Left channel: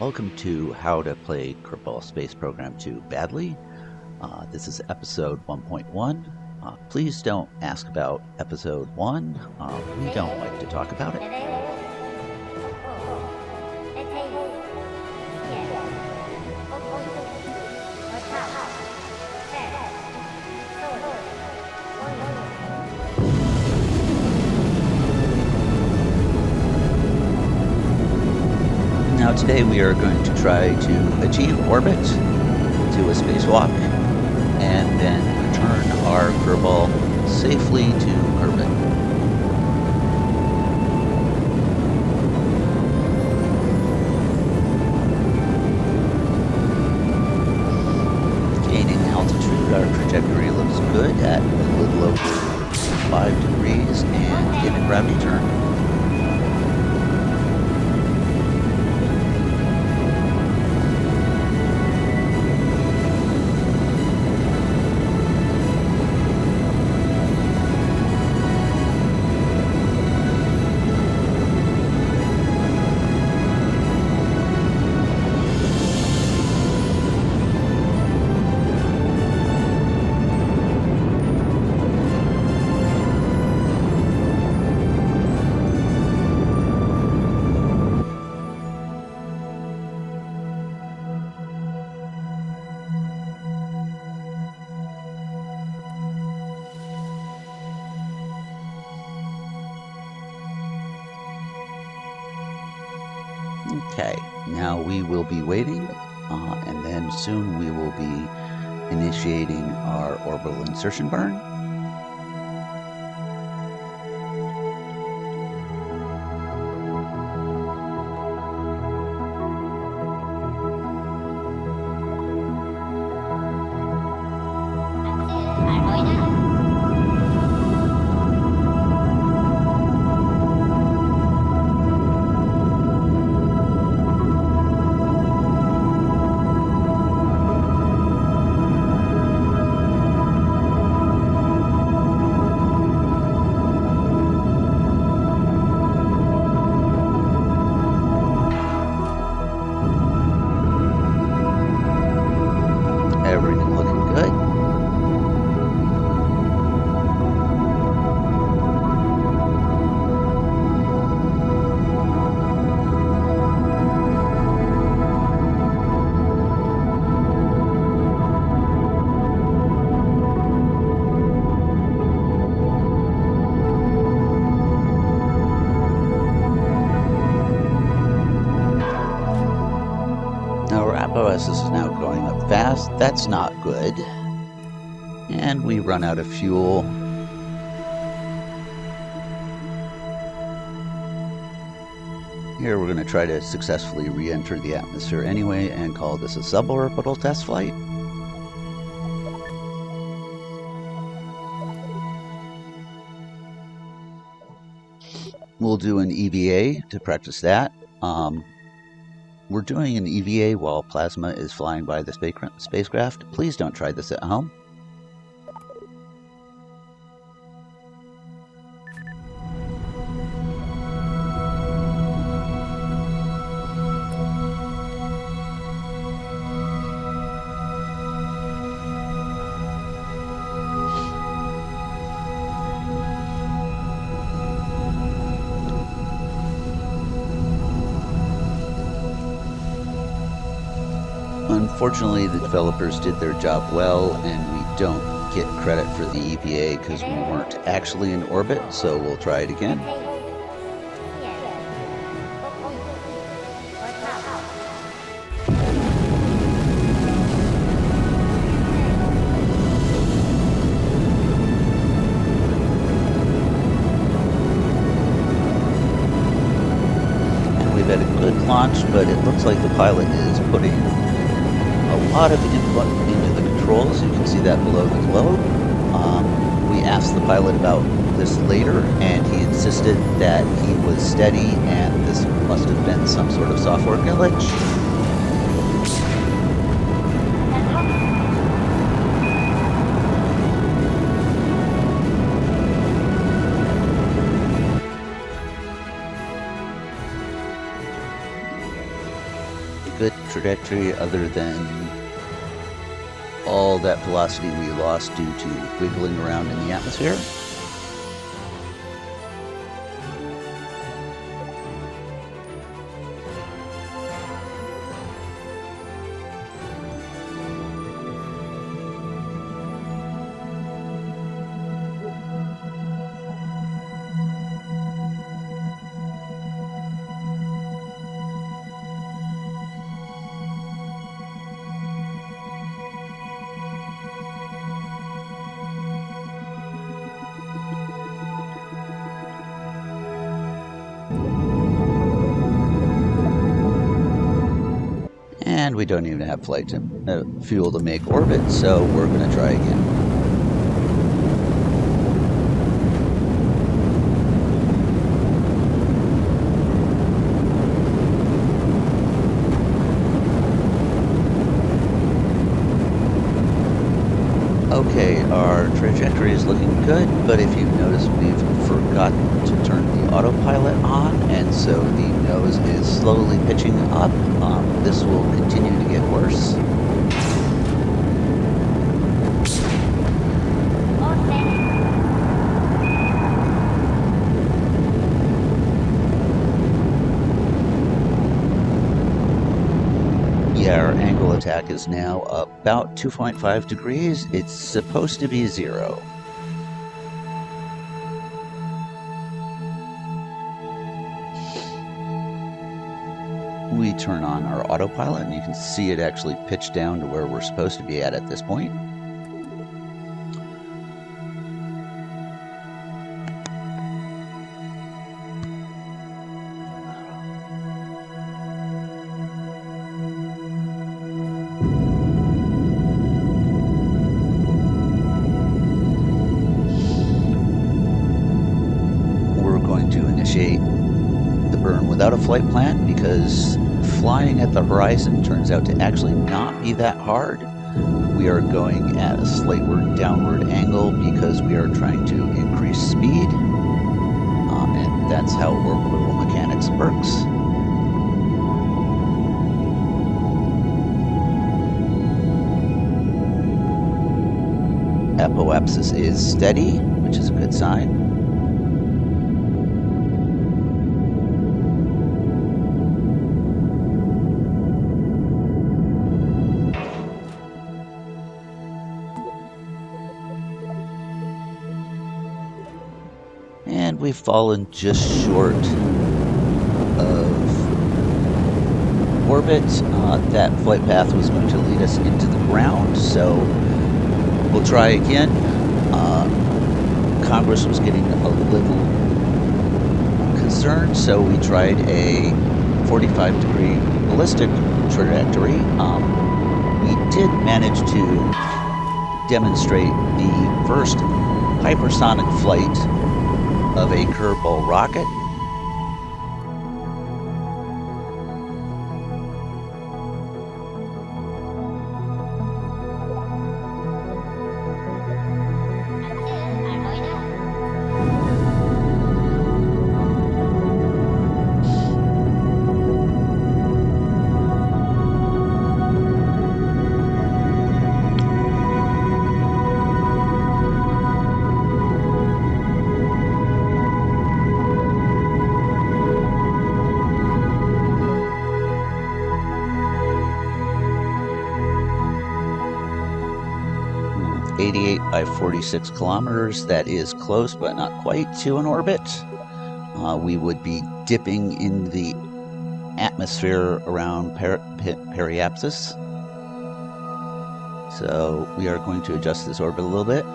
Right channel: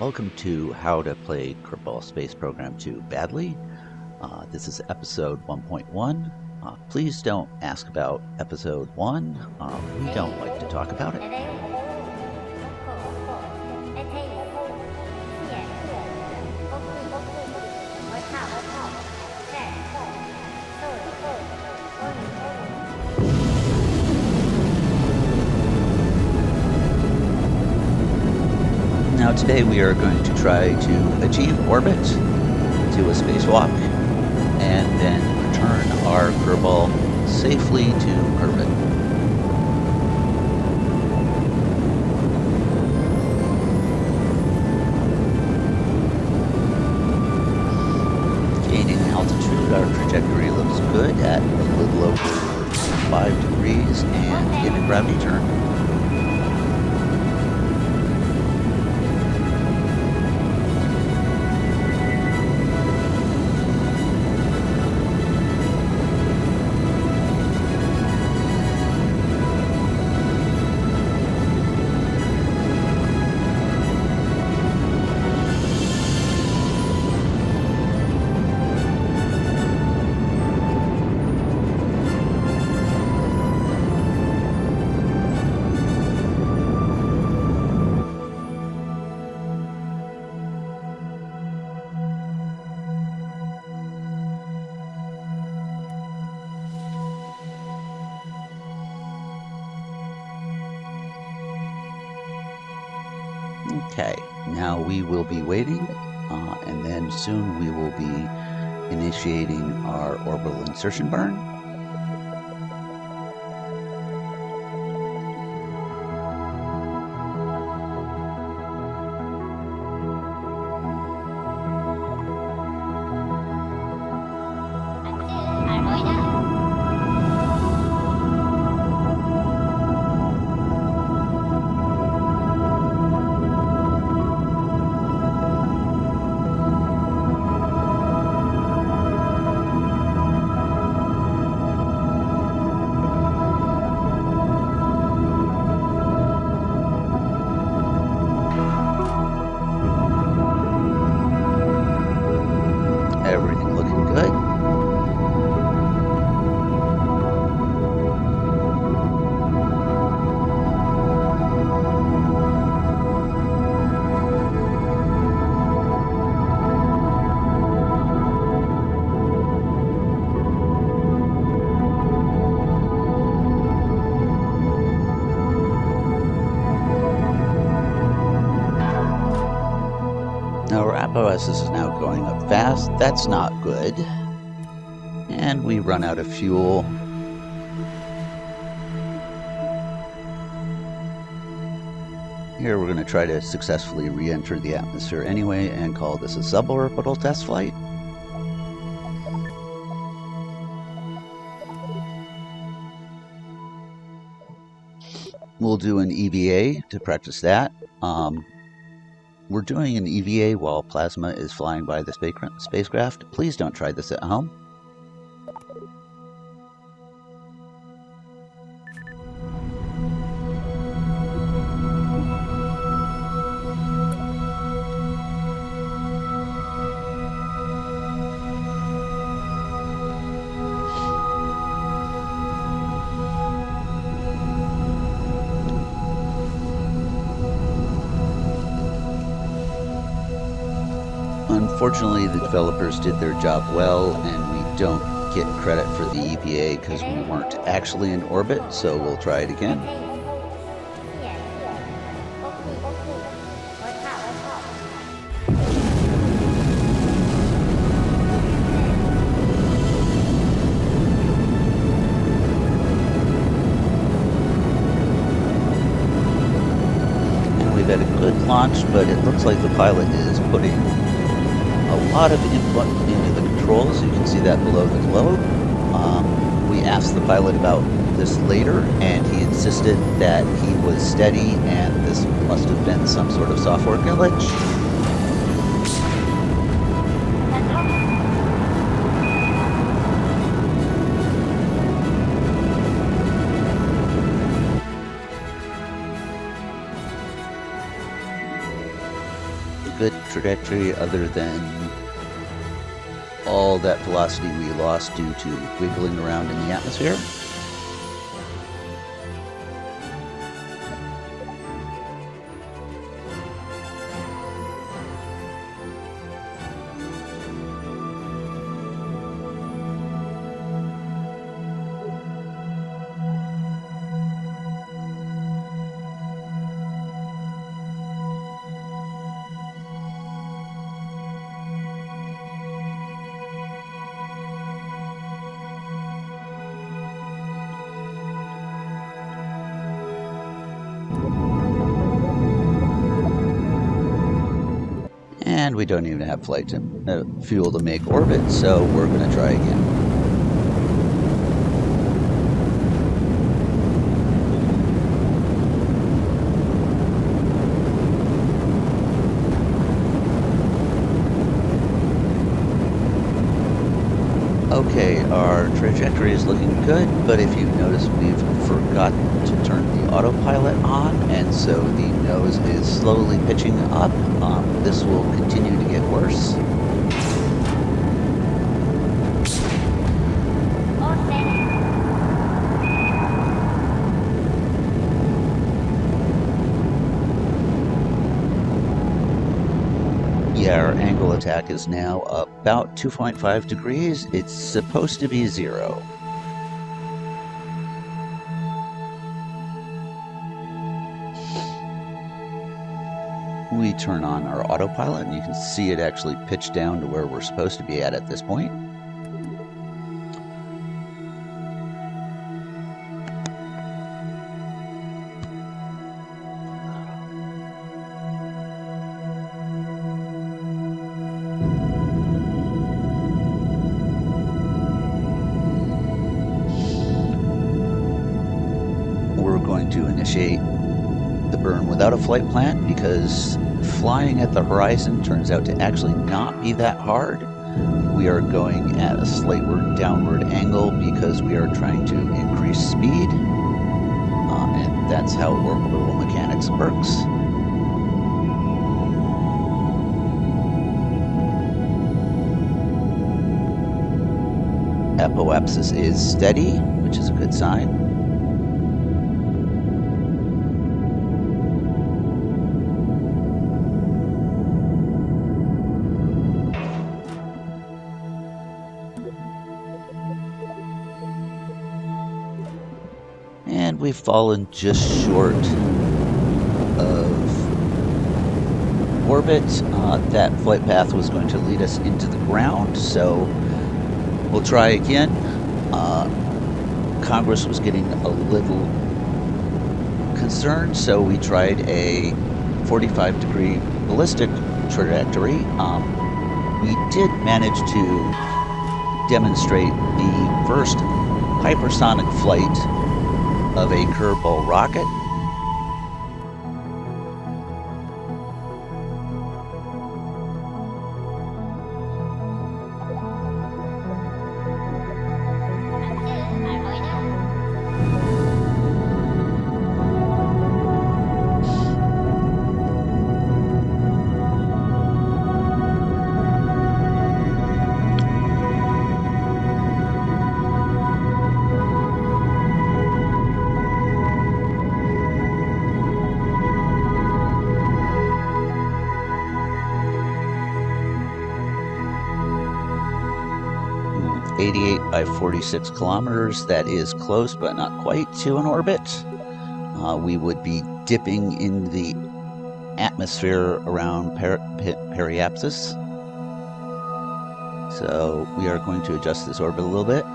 Welcome to How to Play Kerbal Space Program 2 Badly. This is episode 1.1. Please don't ask about episode 1. We don't like to talk about it. Now today we are going to try to achieve orbit, do a spacewalk, and then return our Kerbal safely to Kerbin. Gaining altitude, our trajectory looks good at a little over 5 degrees and in a gravity turn. Okay, now we will be waiting, and then soon we will be initiating our orbital insertion burn. Everything looking good. Now our apparatus is now going up fast. That's not good. And we run out of fuel. Here we're going to try to successfully re-enter the atmosphere anyway and call this a suborbital test flight. We'll do an EVA to practice that. We're doing an EVA while Plasma is flying by the spacecraft. Please don't try this at home. Unfortunately, the developers did their job well, and we don't get credit for the EVA because we weren't actually in orbit, so we'll try it again. And we've had a good launch, but it looks like the pilot is putting a lot of input into the controls. You can see that below the globe. We asked the pilot about this later, and he insisted that he was steady and this must have been some sort of software glitch. good trajectory other than all that velocity we lost due to wiggling around in the atmosphere. And we don't even have flight to fuel to make orbit, so we're going to try again. Okay, our trajectory is looking good, but if you notice, we've forgotten to turn the autopilot on, and so the nose is slowly pitching up. This will continue to get worse. Yeah, our angle attack is now about 2.5 degrees. It's supposed to be 0. We turn on our autopilot, and you can see it actually pitch down to where we're supposed to be at this point. We're going to initiate the burn without a flight plan because flying at the horizon turns out to actually not be that hard. We are going at a slight downward angle because we are trying to increase speed, and that's how orbital mechanics works. Apoapsis is steady, which is a good sign. And we've fallen just short of orbit. That flight path was going to lead us into the ground, so we'll try again. Congress was getting a little concerned, so we tried a 45-degree ballistic trajectory. We did manage to demonstrate the first hypersonic flight of a Kerbal rocket. (88 by 46 kilometers. That is close, but not quite to an orbit. We would be dipping in the atmosphere around periapsis. So we are going to adjust this orbit a little bit.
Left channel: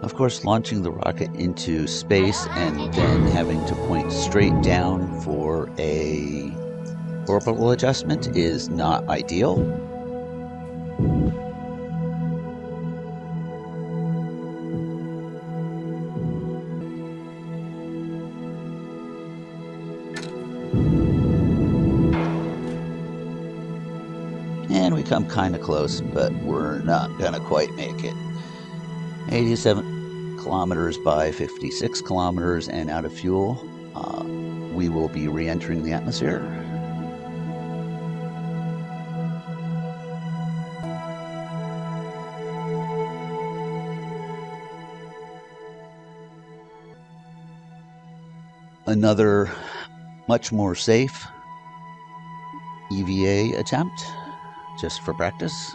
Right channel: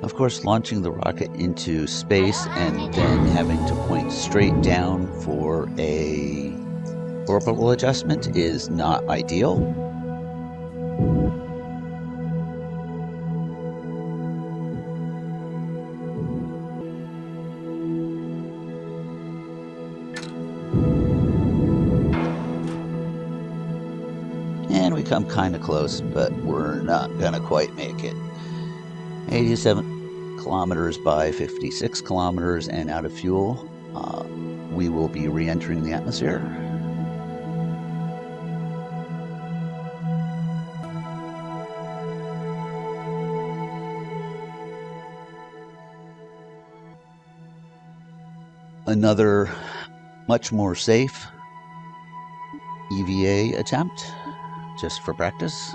Of course, launching the rocket into space and then having to point straight down for a orbital adjustment is not ideal. And we come kind of close, but we're not going to quite make it. 87 kilometers by 56 kilometers and out of fuel. We will be re-entering the atmosphere. Another much more safe EVA attempt, just for practice.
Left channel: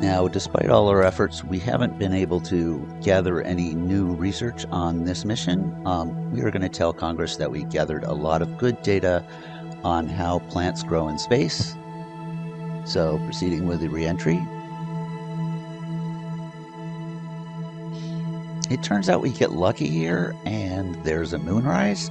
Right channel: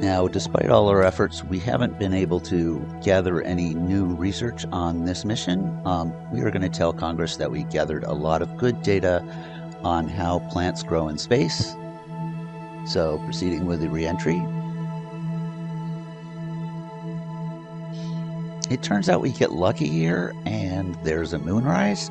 Now, despite all our efforts, we haven't been able to gather any new research on this mission. We are going to tell Congress that we gathered a lot of good data on how plants grow in space. So, proceeding with the reentry. It turns out we get lucky here, and there's a moonrise.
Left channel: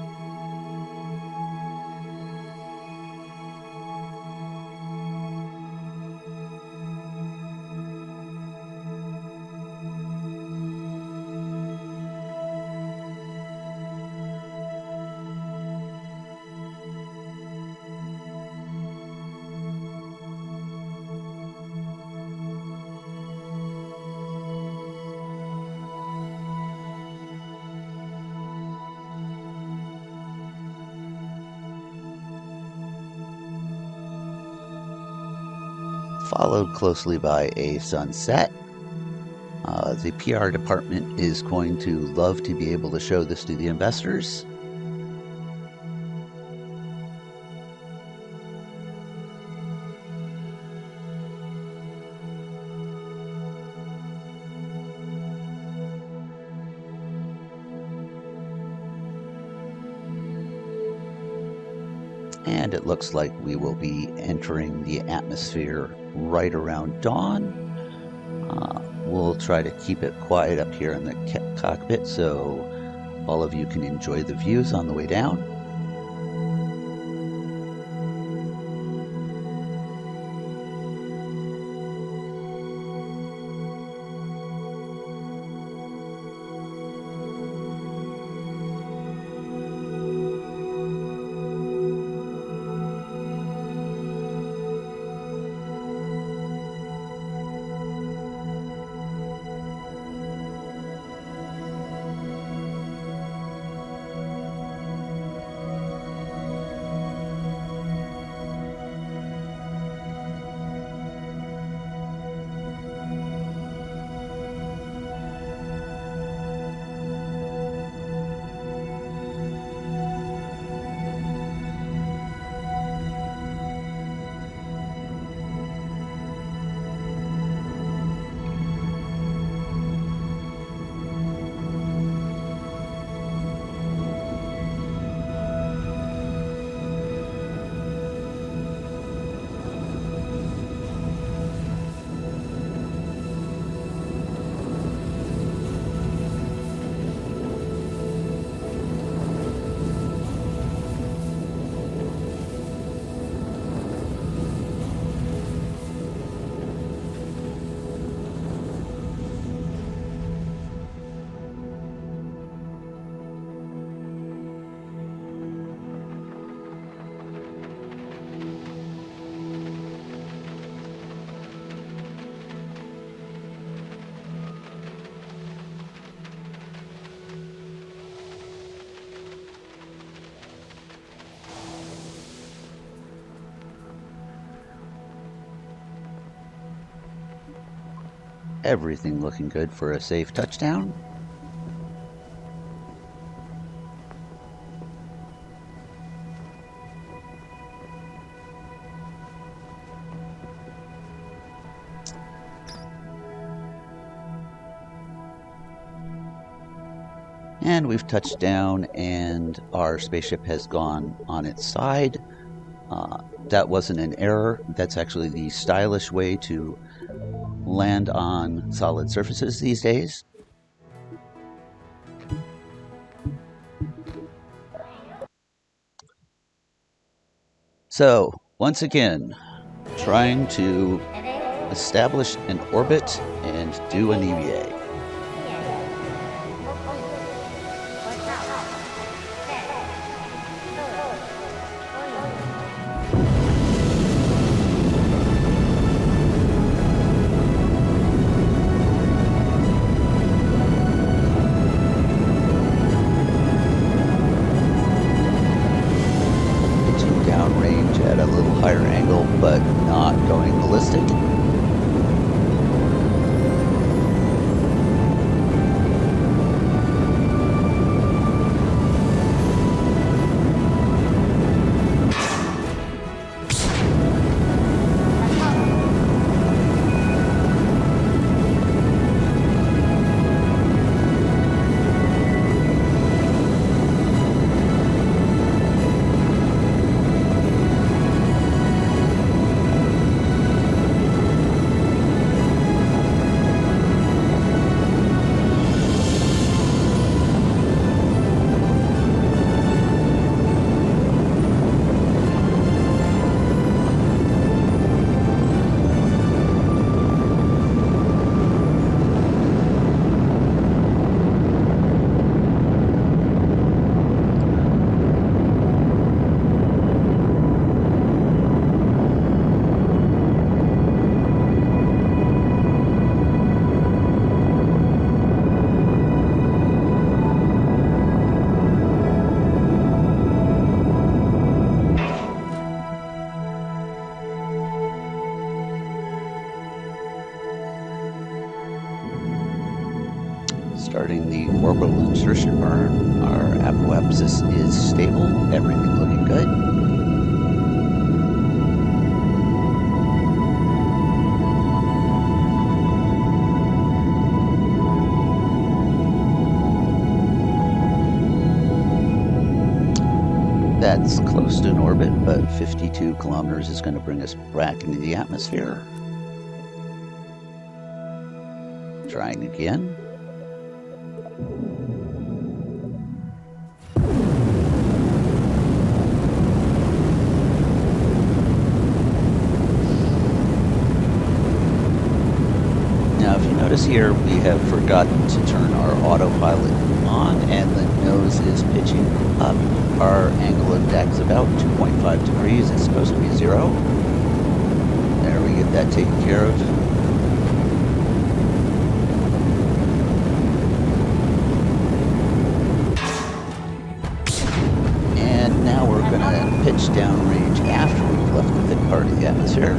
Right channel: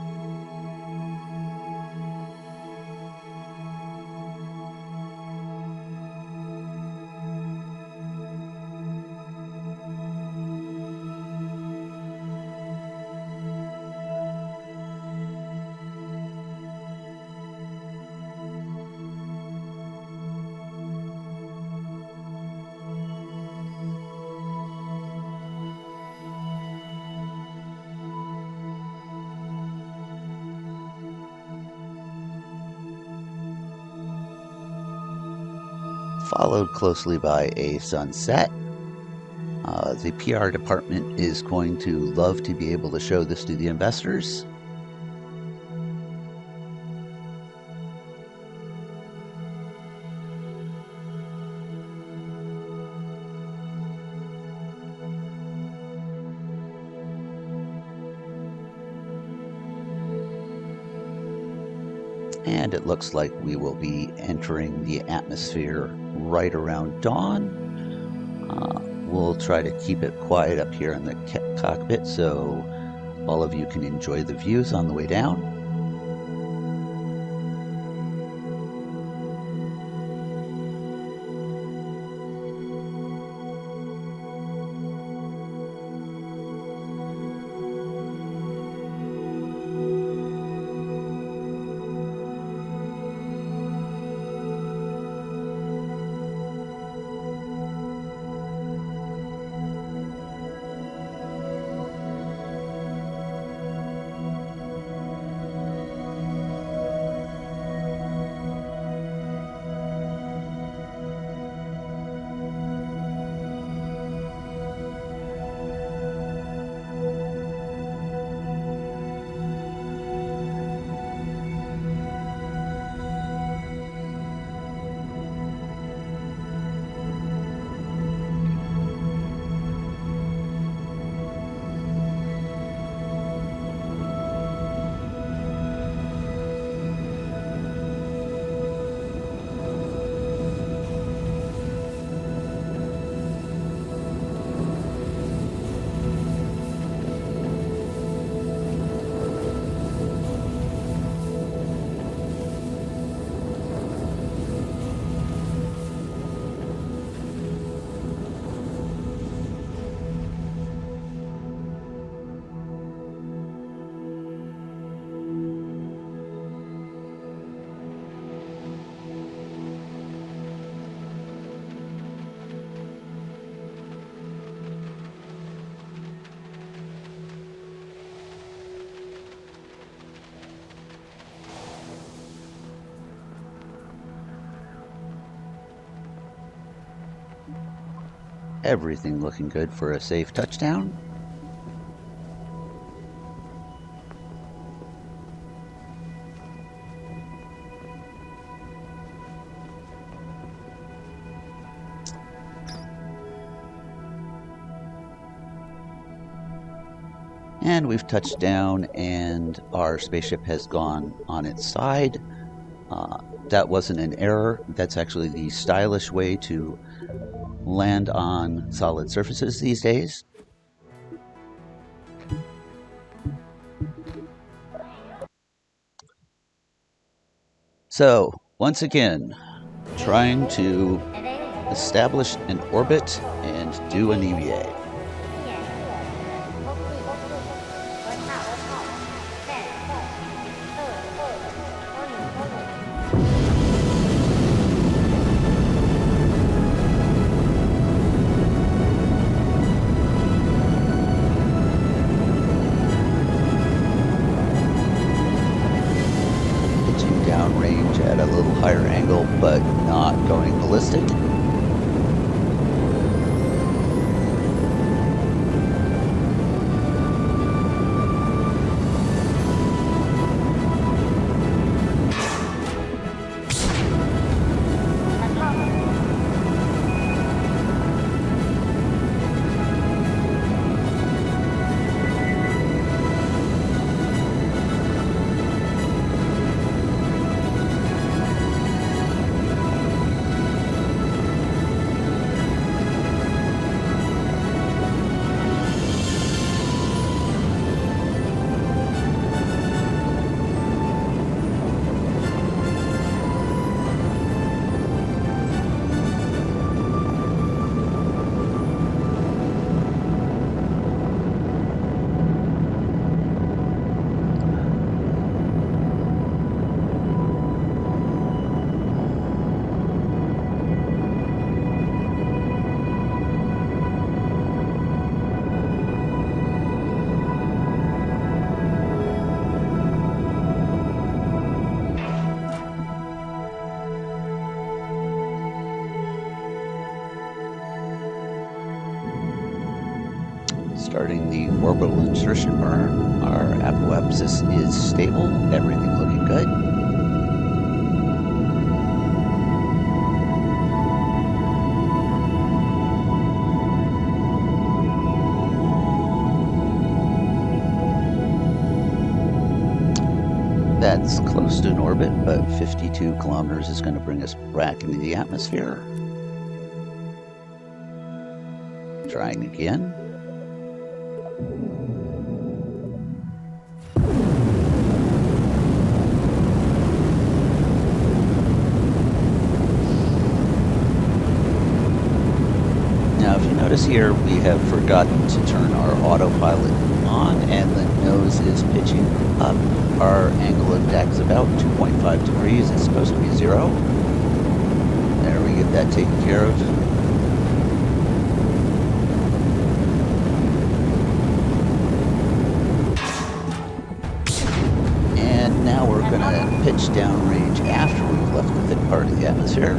Followed closely by a sunset. The PR department is going to love to be able to show this to the investors. And it looks like we will be entering the atmosphere right around dawn. We'll try to keep it quiet up here in the cockpit so all of you can enjoy the views on the way down. Everything looking good for a safe touchdown. And we've touched down, and our spaceship has gone on its side. That wasn't an error. That's actually the stylish way to land on solid surfaces these days. So, once again, trying to establish an orbit and do an EVA. Downrange at a little higher angle, but not going ballistic. Starting the orbital insertion burn. Our apoapsis is stable, everything looking good. That's close to an orbit, but 52 kilometers is going to bring us back into the atmosphere. Trying again. Now, if you notice here, we have forgotten to turn our autopilot on, and the nose is pitching up. Our angle of attack is about 2.5 degrees. It's supposed to be 0. There, we get that taken care of. And now we're going to pitch downrange after we've left the thick part of the atmosphere.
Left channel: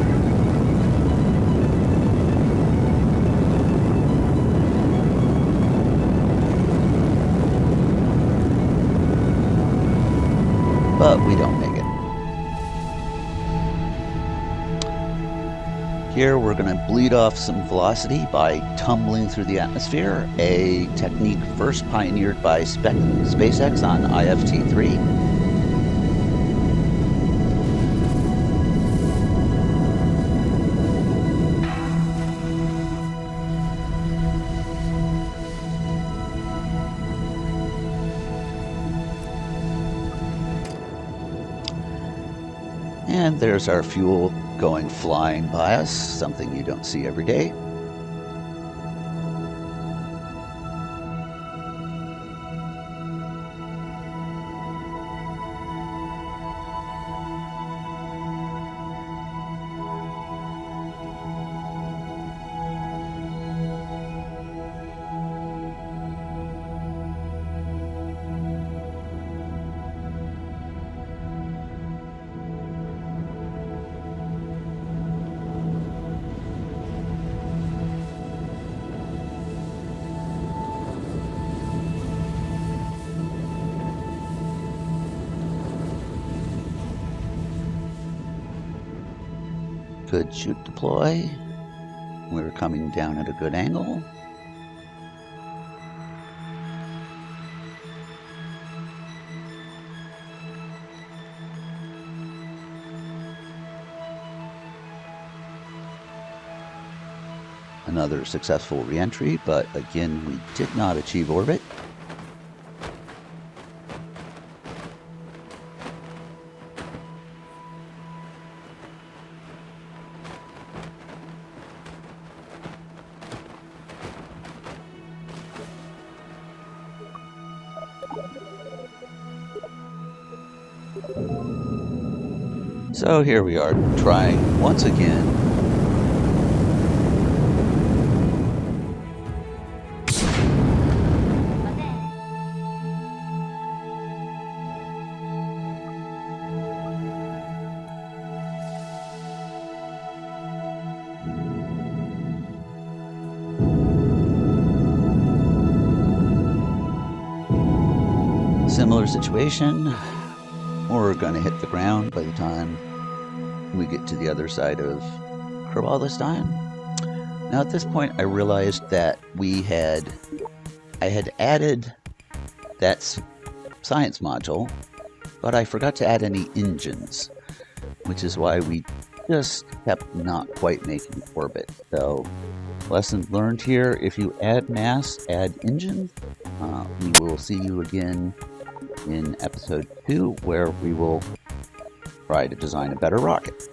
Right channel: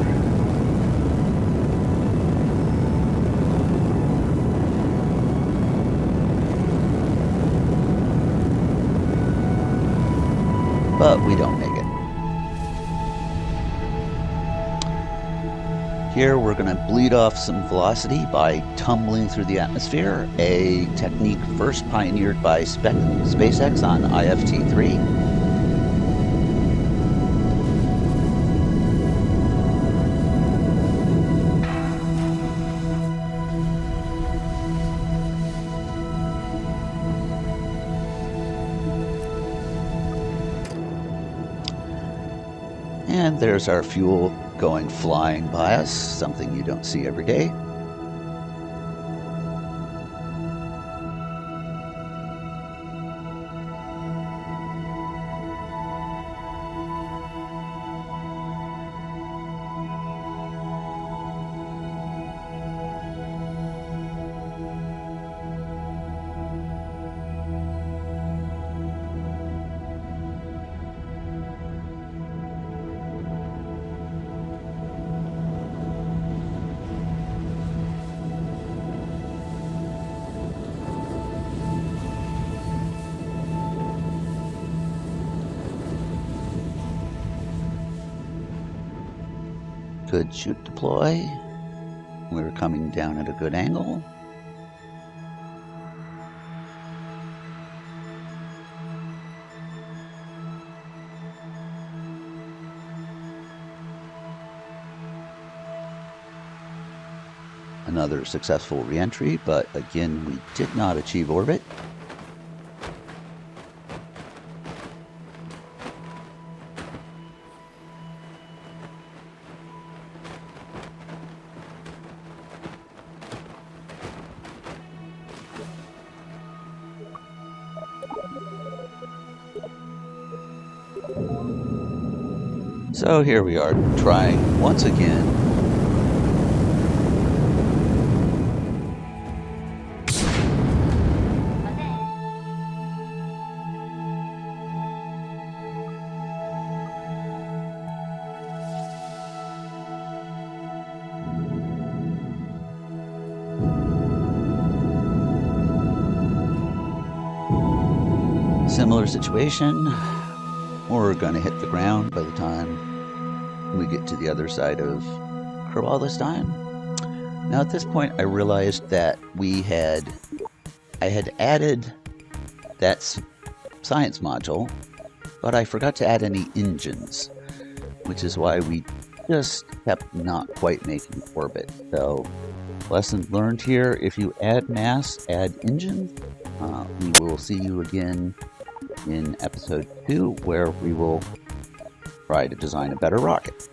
But we don't make it. Here we're going to bleed off some velocity by tumbling through the atmosphere, a technique first pioneered by SpaceX on IFT-3. And there's our fuel going flying by us, something you don't see every day. Good shoot deploy. We were coming down at a good angle. Another successful re-entry, but again, we did not achieve orbit. So here we are, trying once again. Similar situation. We're going to hit the ground by the time we get to the other side of Kerbal this time. Now at this point I realized that I had added that science module, but I forgot to add any engines, which is why we just kept not quite making orbit. So lesson learned here, if you add mass, add engines. We will see you again in episode 2, where we will try to design a better rocket.